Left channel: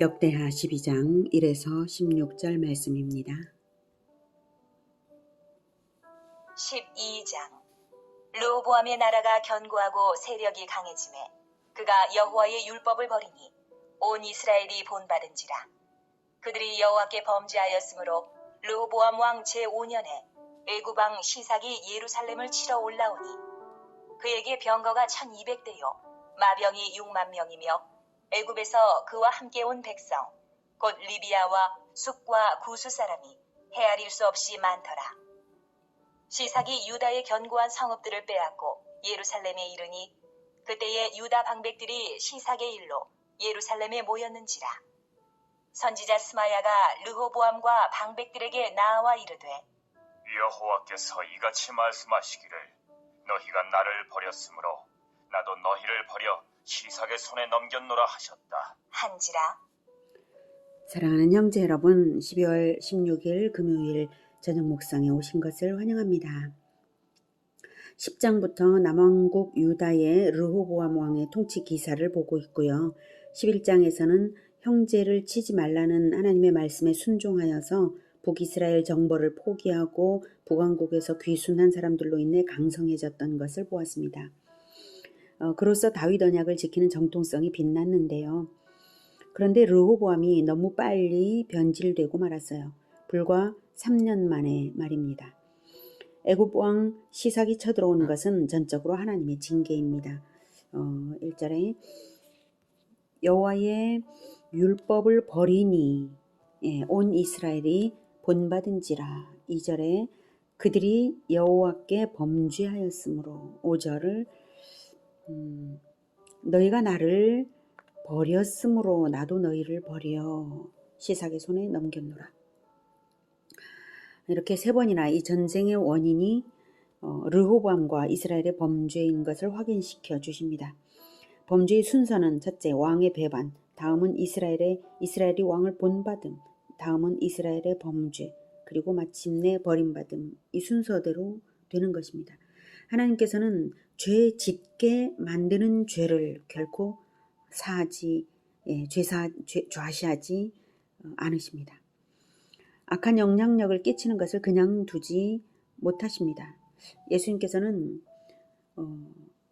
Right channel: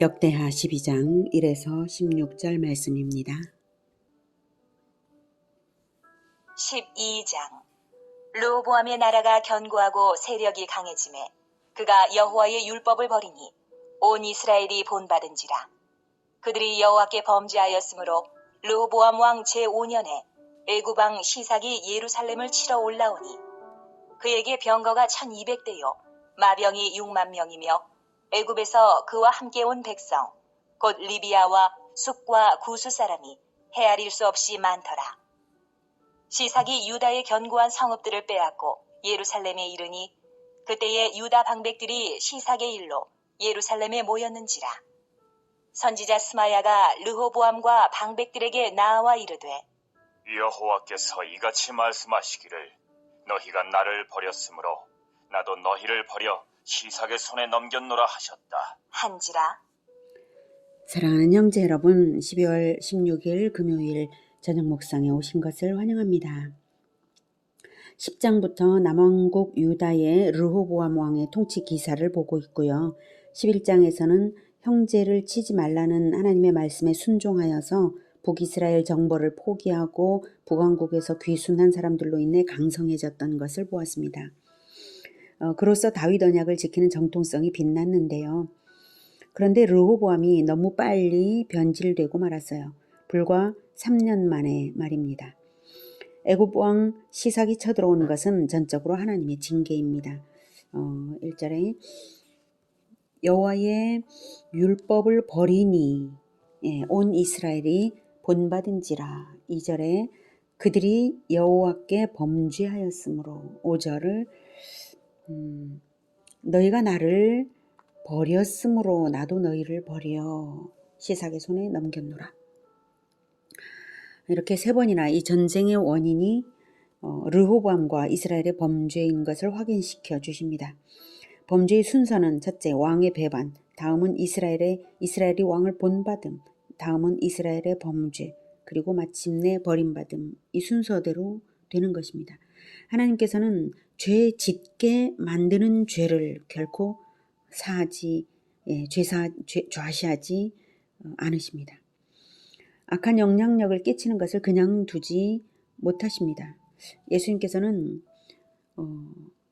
역대하 12장 1에서 16절 말씀입니다. 12장. 르호보암의 나라가 견고하고 세력이 강해지매 그가 여호와의 율법을 버리니 온 이스라엘이 본받은지라. 그들이 여호와께 범죄하였으므로 르호보암 왕 제5년에 애굽 왕 시삭이 예루살렘을 치러 올라오니 그에게 병거가 1200대요 마병이 6만 명이며 애굽에서 그와 함께 온 백성 곧 리비아와 숲과 구스 사람이 헤아릴 수 없이 많더라. 시삭이 유다의 견고한 성읍들을 빼앗고 예루살렘에 이르니 그때에 유다 방백들이 시삭의 일로 예루살렘에 모였는지라. 선지자 스마야가 르호보암과 방백들에게 나아와 이르되 여호와께서 이같이 말씀하시기를 너희가 나를 버렸으므로 나도 너희를 버려 시삭의 손에 넘겼노라 하셨다 한지라. 사랑하는 형제 여러분, 12월 16일 금요일 저녁 묵상에 오신 것을 환영합니다. 10장부터 남왕국 유다의 르호보암 왕의 통치 기사를 보고 있고요. 11장에서는 형제를 치지 말라는 하나님의 말씀에 순종하여서 북이스라엘 정벌을 포기하고 북왕국에서 귀순한 사람들로 인해 강성해졌던 것을 보았습니다. 그로써 다윗 언약을 지키는 정통성이 빛났는데요. 그런데 르호보암이 너무 빨리 변질되고 말았어요. 불과 3년 만에 말입니다. 애굽 왕 시삭이 쳐들어오는 것은 전적으로 하나님의 징계입니다. 1절에 여호와의 율법을 버리니 온 이스라엘이 본받은지라. 2절에 그들이 여호와께 범죄하였으므로. 5절을 너희가 나를 버렸으므로 나도 너희를 버려 시삭의 손에 넘겼노라. 이렇게 3번이나 이 전쟁의 원인이 르호보암과 이스라엘의 범죄인 것을 확인시켜 주십니다. 범죄의 순서는 첫째 왕의 배반, 다음은 이스라엘이 왕을 본받음, 다음은 이스라엘의 범죄, 그리고 마침내 버림받음. 이 순서대로 되는 것입니다. 하나님께서는 죄 짓게 만드는 죄를 결코 좌시하지 않으십니다. 악한 영향력을 끼치는 것을 그냥 두지 못하십니다. 예수님께서는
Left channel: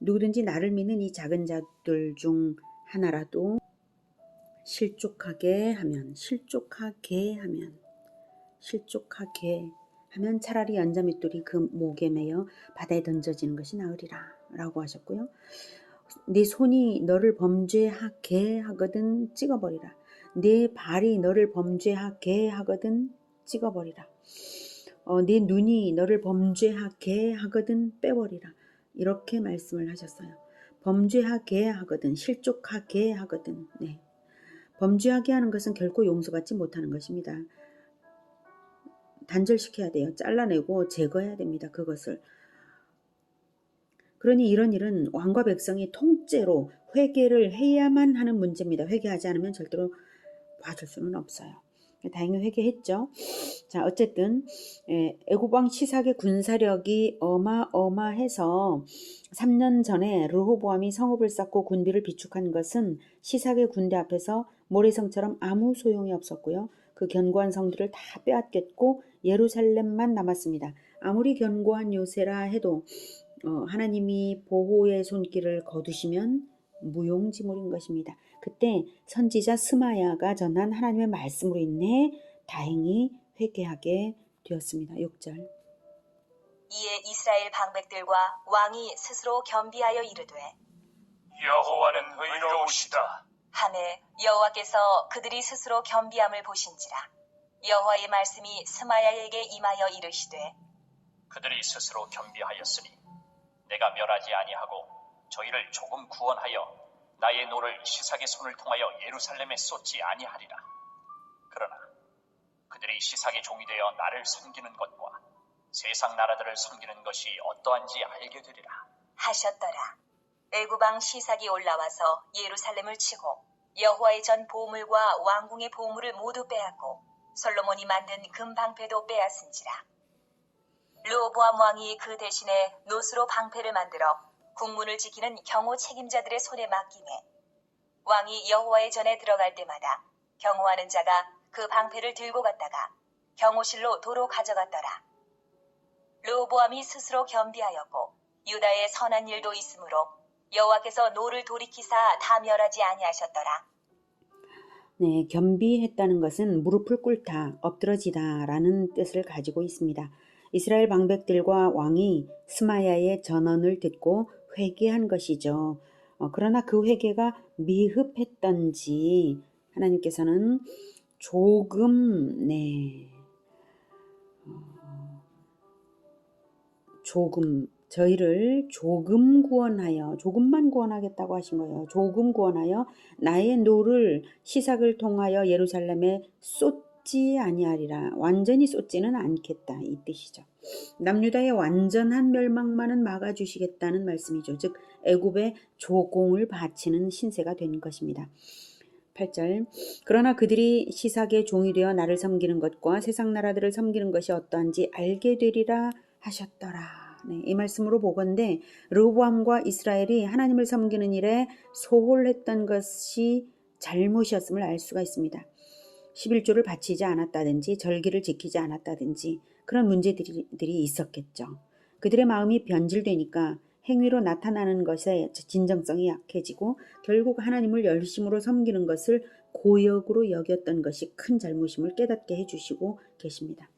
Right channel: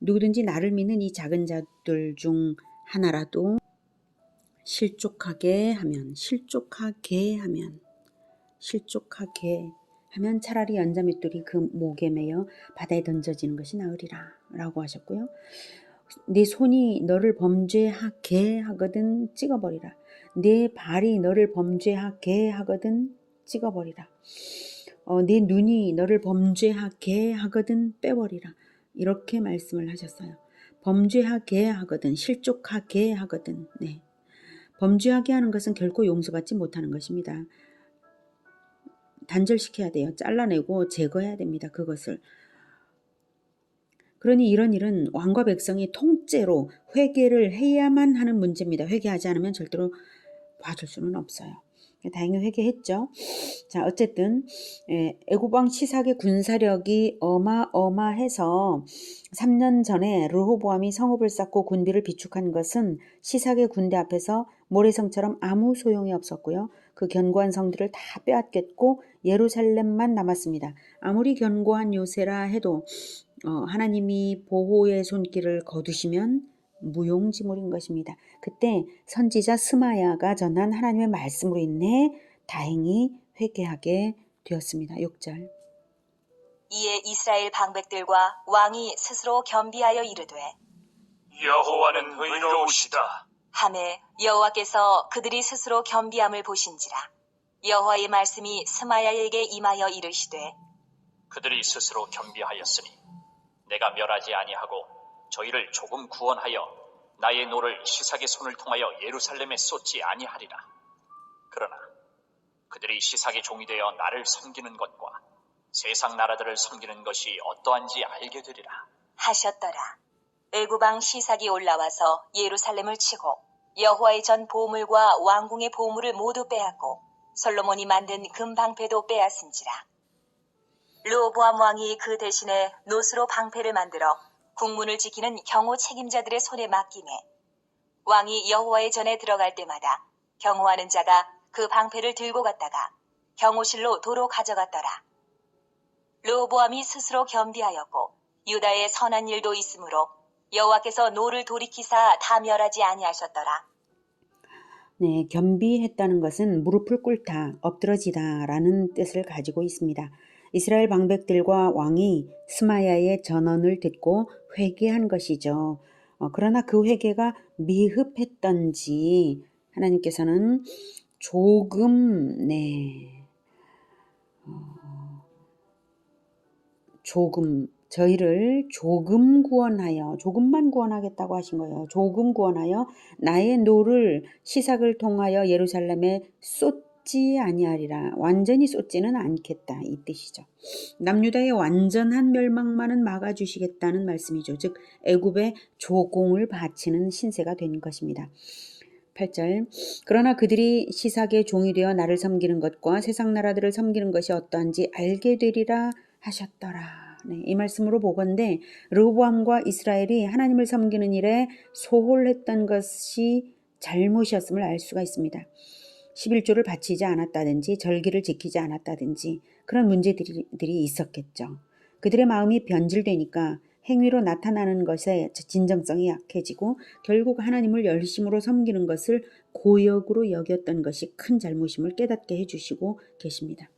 누구든지 나를 믿는 이 작은 자들 중 하나라도 실족하게 하면 차라리 연자맷돌이 그 목에 매여 바다에 던져지는 것이 나으리라 라고 하셨고요. 네 손이 너를 범죄하게 하거든 찍어버리라. 네 발이 너를 범죄하게 하거든 찍어버리라. 네 눈이 너를 범죄하게 하거든 빼버리라. 이렇게 말씀을 하셨어요. 범죄하게 하거든, 실족하게 하거든. 범죄하게 하는 것은 결코 용서받지 못하는 것입니다. 단절시켜야 돼요. 잘라내고 제거해야 됩니다. 그것을. 그러니 이런 일은 왕과 백성이 통째로 회개를 해야만 하는 문제입니다. 회개하지 않으면 절대로 봐줄 수는 없어요. 다행히 회개했죠. 자, 어쨌든 애굽 왕 시삭의 군사력이 어마어마해서 3년 전에 르호보암이 성읍을 쌓고 군대를 비축한 것은 시삭의 군대 앞에서 모래성처럼 아무 소용이 없었고요. 그 견고한 성들을 다 빼앗겼고 예루살렘만 남았습니다. 아무리 견고한 요새라 해도 하나님이 보호의 손길을 거두시면 무용지물인 것입니다. 그때 선지자 스마야가 전한 하나님의 말씀으로 인해 다행히 회개하게 되었습니다. 6절. 이에 이스라엘 방백들과 왕이 스스로 겸비하여 이르되 여호와는 의로우시다 하매 여호와께서 그들이 스스로 겸비함을 보신지라. 여호와의 말씀이 스마야에게 임하여 이르시되 그들이 스스로 겸비하였으니 내가 멸하지 아니하고 저희를 조금 구원하여 나의 노를 시삭의 손을 통하여 예루살렘에 쏟지 아니하리라. 그러나 그들이 시삭의 종이 되어 나를 섬기는 것과 세상 나라들을 섬기는 것이 어떠한지 알게 되리라 하셨더라. 애굽 왕 시삭이 올라와서 예루살렘을 치고 여호와의 전 보물과 왕궁의 보물을 모두 빼앗고 솔로몬이 만든 금방패도 빼앗은지라. 르호보암 왕이 그 대신에 노스로 방패를 만들어 국문을 지키는 경호 책임자들의 손에 맡기매 왕이 여호와의 전에 들어갈 때마다 경호하는 자가 그 방패를 들고 갔다가 경호실로 도로 가져갔더라. 르호보암이 스스로 겸비하였고 유다의 선한 일도 있으므로 여호와께서 노를 돌이키사 다 멸하지 아니하셨더라. 네, 겸비했다는 것은 무릎을 꿇다, 엎드러지다라는 뜻을 가지고 있습니다. 이스라엘 방백들과 왕이 스마야의 전언을 듣고 회개한 것이죠. 그러나 그 회개가 미흡했던지 하나님께서는 조금, 저희를 조금만 구원하겠다고 하신 거예요. 조금 구원하여 나의 노를 시삭을 통하여 예루살렘에 쏟지 아니하리라. 완전히 쏟지는 않겠다, 이 뜻이죠. 남유다의 완전한 멸망만은 막아주시겠다는 말씀이죠. 즉 애굽에 조공을 바치는 신세가 된 것입니다. 8절 그러나 그들이 시삭의 종이 되어 나를 섬기는 것과 세상 나라들을 섬기는 것이 어떠한지 알게 되리라 하셨더라. 네, 이 말씀으로 보건대 르호보암과 이스라엘이 하나님을 섬기는 일에 소홀했던 것이 잘못이었음을 알 수가 있습니다. 11조를 바치지 않았다든지 절기를 지키지 않았다든지 그런 문제들이 있었겠죠. 그들의 마음이 변질되니까 행위로 나타나는 것에 진정성이 약해지고 결국 하나님을 열심으로 섬기는 것을 고역으로 여겼던 것이 큰 잘못임을 깨닫게 해주시고 계십니다.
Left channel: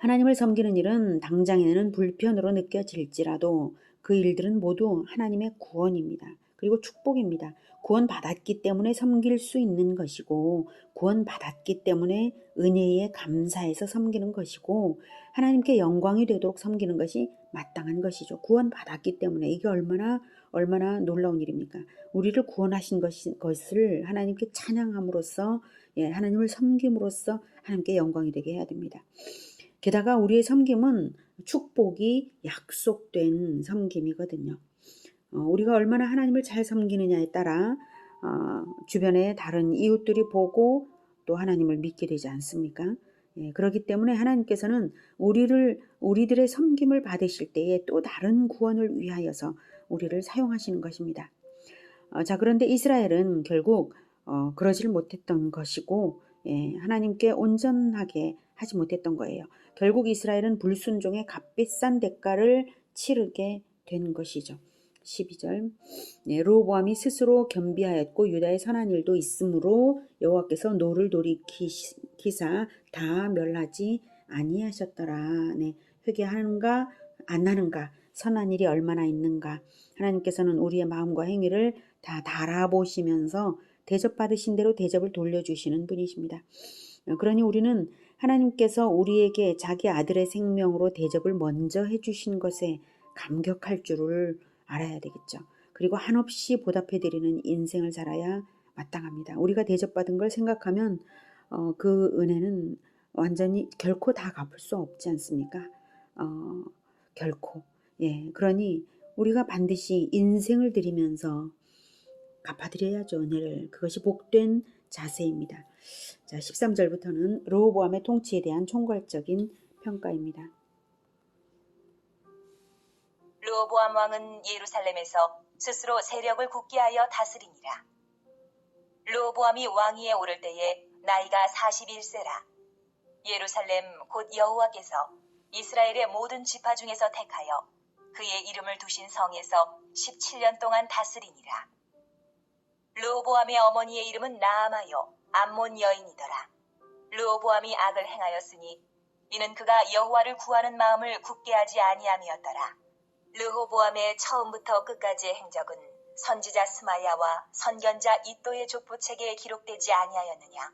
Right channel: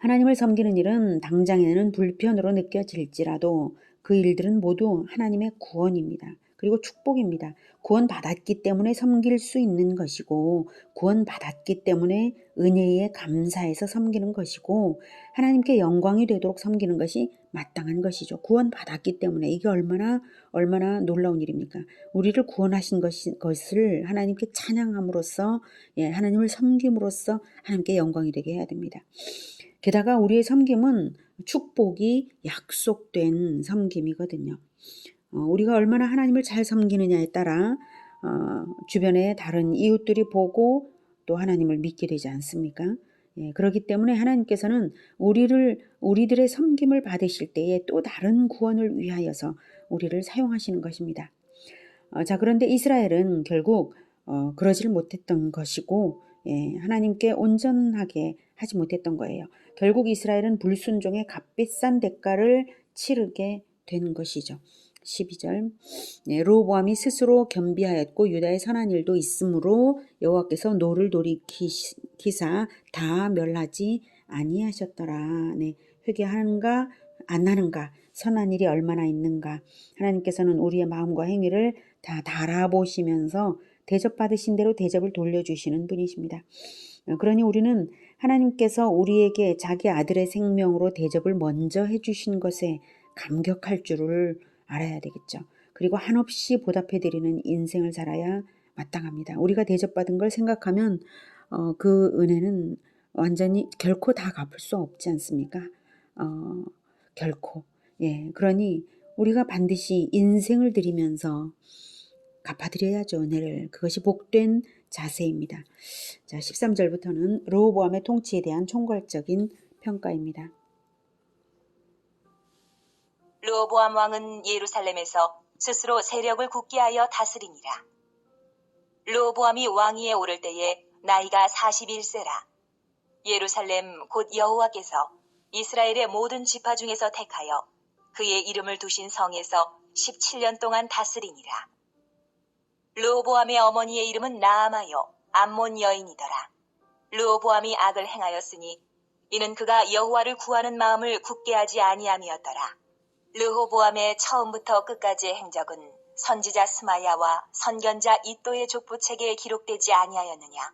하나님을 섬기는 일은 당장에는 불편으로 느껴질지라도 그 일들은 모두 하나님의 구원입니다. 그리고 축복입니다. 구원받았기 때문에 섬길 수 있는 것이고 구원받았기 때문에 은혜에 감사해서 섬기는 것이고 하나님께 영광이 되도록 섬기는 것이 마땅한 것이죠. 구원받았기 때문에 이게 얼마나 놀라운 일입니까? 우리를 구원하신 것을 하나님께 찬양함으로써 하나님을 섬김으로써 하나님께 영광이 되게 해야 됩니다. 게다가 우리의 섬김은 축복이 약속된 섬김이거든요. 우리가 얼마나 하나님을 잘 섬기느냐에 따라 주변의 다른 이웃들이 보고 또 하나님을 믿게 되지 않습니까? 그렇기 때문에 하나님께서는 우리들의 섬김을 받으실 때에 또 다른 구원을 위하여서 우리를 사용하시는 것입니다. 자, 그런데 이스라엘은 결국 그러질 못했던 것이고 하나님께 온전하게 하지 못했던 거예요. 결국 이스라엘은 불순종의 값비싼 대가를 치르게 된 것이죠. 12절 르호보암이 스스로 겸비하였고 유다의 선한 일도 있으므로 여호와께서 노를 돌이키사 다 멸하지 아니하셨더라. 회개하는가 안 하는가, 선한 일이 얼마나 있는가, 하나님께서는 우리의 마음과 행위를 다 달아보시면서 대접받으신 대로 대접을 돌려주시는 분이십니다. 그러니 우리는 하나님께서 우리에게 자기 아들의 생명으로 대접을 먼저 해주신 것에 감격할 줄을 알아야 되겠죠. 그리고 한없이 보답해드리는 인생을 살아야 마땅합니다. 우리가 대접받은 걸 생각하면 그 은혜는 완전히 결코 다 갚을 수 없지 않습니까? 결코. 그러니 우리가 반드시 인생을 드리면서 갚아드려야죠, 은혜를. 그것이 복된 자세입니다. 자, 13절부터는 르호보암의 통치에 대한 총괄적인 평가입니다. 르호보암 왕은 예루살렘에서 스스로 세력을 굳게 하여 다스리니라. 르호보암이 왕위에 오를 때에 나이가 41세라. 예루살렘 곧 여호와께서 이스라엘의 모든 지파 중에서 택하여 그의 이름을 두신 성에서 17년 동안 다스리니라. 르호보암의 어머니의 이름은 나아마요 암몬 여인이더라. 르호보암이 악을 행하였으니 이는 그가 여호와를 구하는 마음을 굳게 하지 아니함이었더라. 르호보암의 처음부터 끝까지의 행적은 선지자 스마야와 선견자 이또의 족보책에 기록되지 아니하였느냐.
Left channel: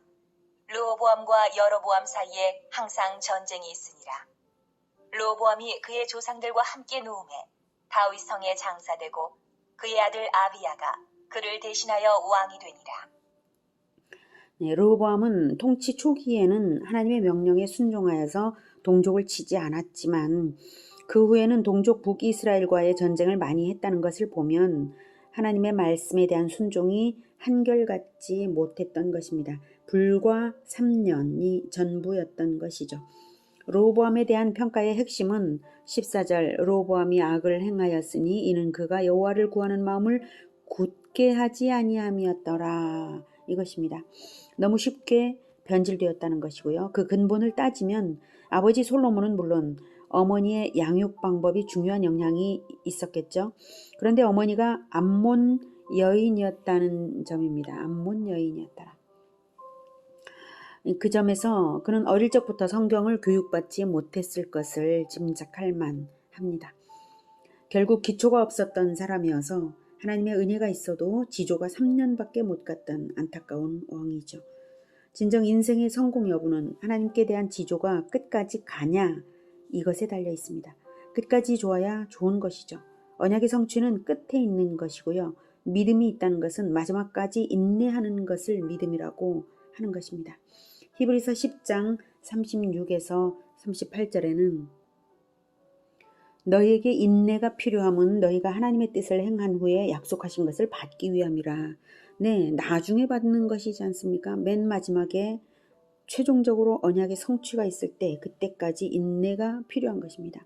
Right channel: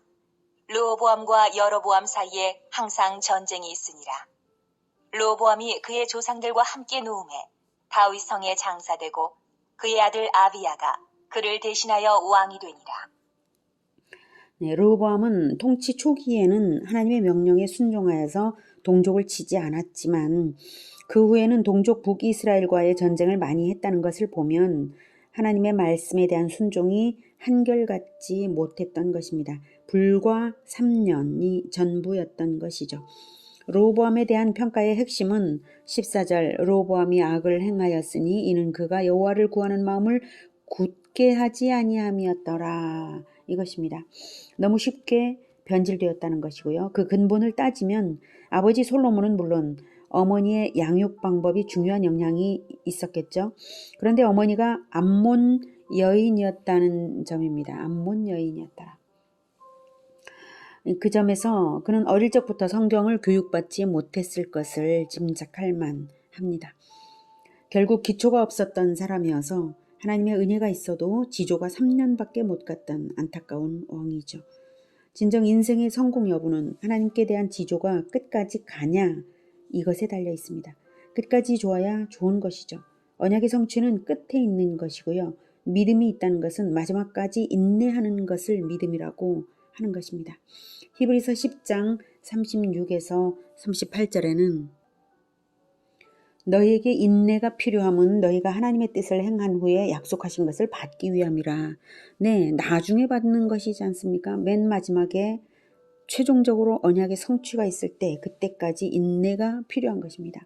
르호보암과 여로보암 사이에 항상 전쟁이 있으니라. 르호보암이 그의 조상들과 함께 누움에 다윗 성에 장사되고 그의 아들 아비야가 그를 대신하여 왕이 되니라. 르호보암은 통치 초기에는 하나님의 명령에 순종하여서 동족을 치지 않았지만 그 후에는 동족 북이스라엘과의 전쟁을 많이 했다는 것을 보면 하나님의 말씀에 대한 순종이 한결같지 못했던 것입니다. 불과 3년이 전부였던 것이죠. 르호보암에 대한 평가의 핵심은 14절 르호보암이 악을 행하였으니 이는 그가 여호와를 구하는 마음을 굳게 쉽게 하지 아니함이었더라. 이것입니다. 너무 쉽게 변질되었다는 것이고요. 그 근본을 따지면 아버지 솔로몬은 물론 어머니의 양육 방법이 중요한 영향이 있었겠죠. 그런데 어머니가 암몬 여인이었다는 점입니다. 암몬 여인이었더라. 그 점에서 그는 어릴 적부터 성경을 교육받지 못했을 것을 짐작할 만합니다. 결국 기초가 없었던 사람이어서 하나님의 은혜가 있어도 지조가 3년밖에 못 갔던 안타까운 왕이죠. 진정 인생의 성공 여부는 하나님께 대한 지조가 끝까지 가냐 이것에 달려 있습니다. 끝까지 좋아야 좋은 것이죠. 언약의 성취는 끝에 있는 것이고요. 믿음이 있다는 것은 마지막까지 인내하는 것을 믿음이라고 하는 것입니다. 히브리서 10장 36에서 38절에는 너희에게 인내가 필요함은 너희가 하나님의 뜻을 행한 후에 약속하신 것을 받기 위함이라. 네, 나중에 받는 것이지 않습니까? 맨 마지막에 최종적으로 언약의 성취가 있을 때 그때까지 인내가 필요한 것입니다.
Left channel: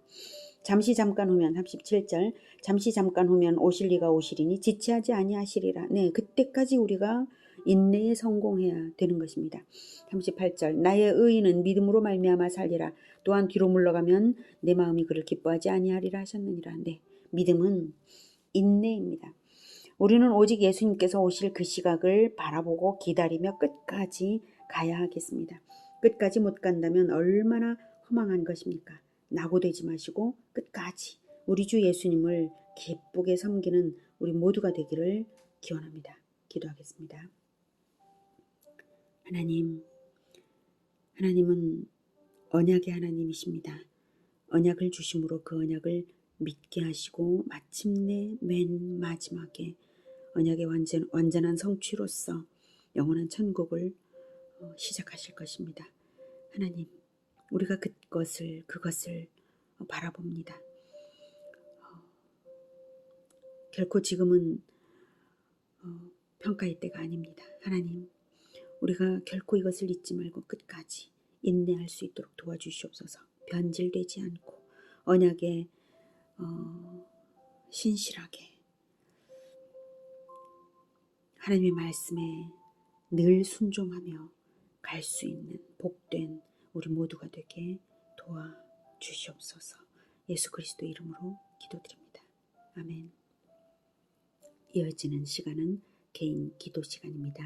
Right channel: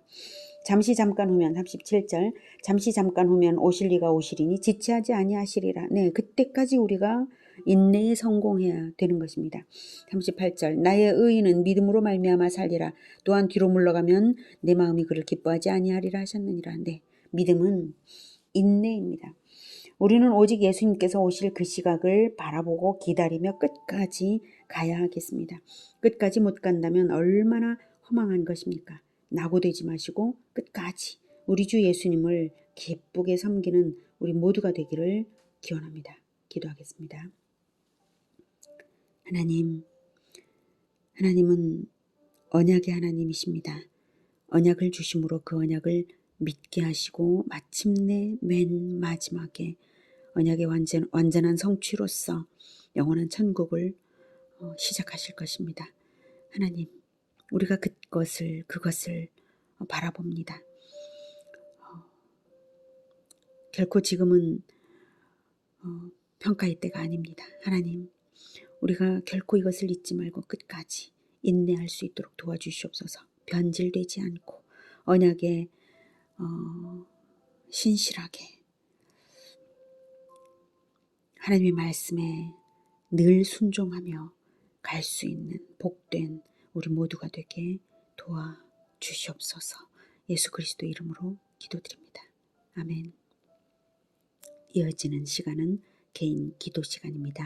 잠시 잠깐 후면 37절 잠시 잠깐 후면 오실 이가 오시리니 지체하지 아니하시리라. 네, 그때까지 우리가 인내에 성공해야 되는 것입니다. 38절 나의 의인은 믿음으로 말미암아 살리라. 또한 뒤로 물러가면 내 마음이 그를 기뻐하지 아니하리라 하셨느니라. 네, 믿음은 인내입니다. 우리는 오직 예수님께서 오실 그 시각을 바라보고 기다리며 끝까지 가야 하겠습니다. 끝까지 못 간다면 얼마나 허망한 것입니까? 낙오되지 마시고 끝까지 우리 주 예수님을 기쁘게 섬기는 우리 모두가 되기를 기원합니다. 기도하겠습니다. 하나님은 언약의 하나님이십니다. 언약을 주심으로 그 언약을 믿게 하시고 마침내 맨 마지막에 언약의 완전한 성취로서 영원한 천국을 시작하실 것입니다. 하나님, 우리가 그것을 바라봅니다. 결코 지금은 평가의 때가 아닙니다. 하나님, 우리가 결코 이것을 잊지 말고 끝까지 인내할 수 있도록 도와주시옵소서. 변질되지 않고 언약에 신실하게 하나님의 말씀에 늘 순종하며 갈 수 있는 복된 우리 모두가 되게 도와주시옵소서. 예수 그리스도 이름으로 기도드립니다. 아멘. 이어지는 시간은 개인 기도 시간입니다.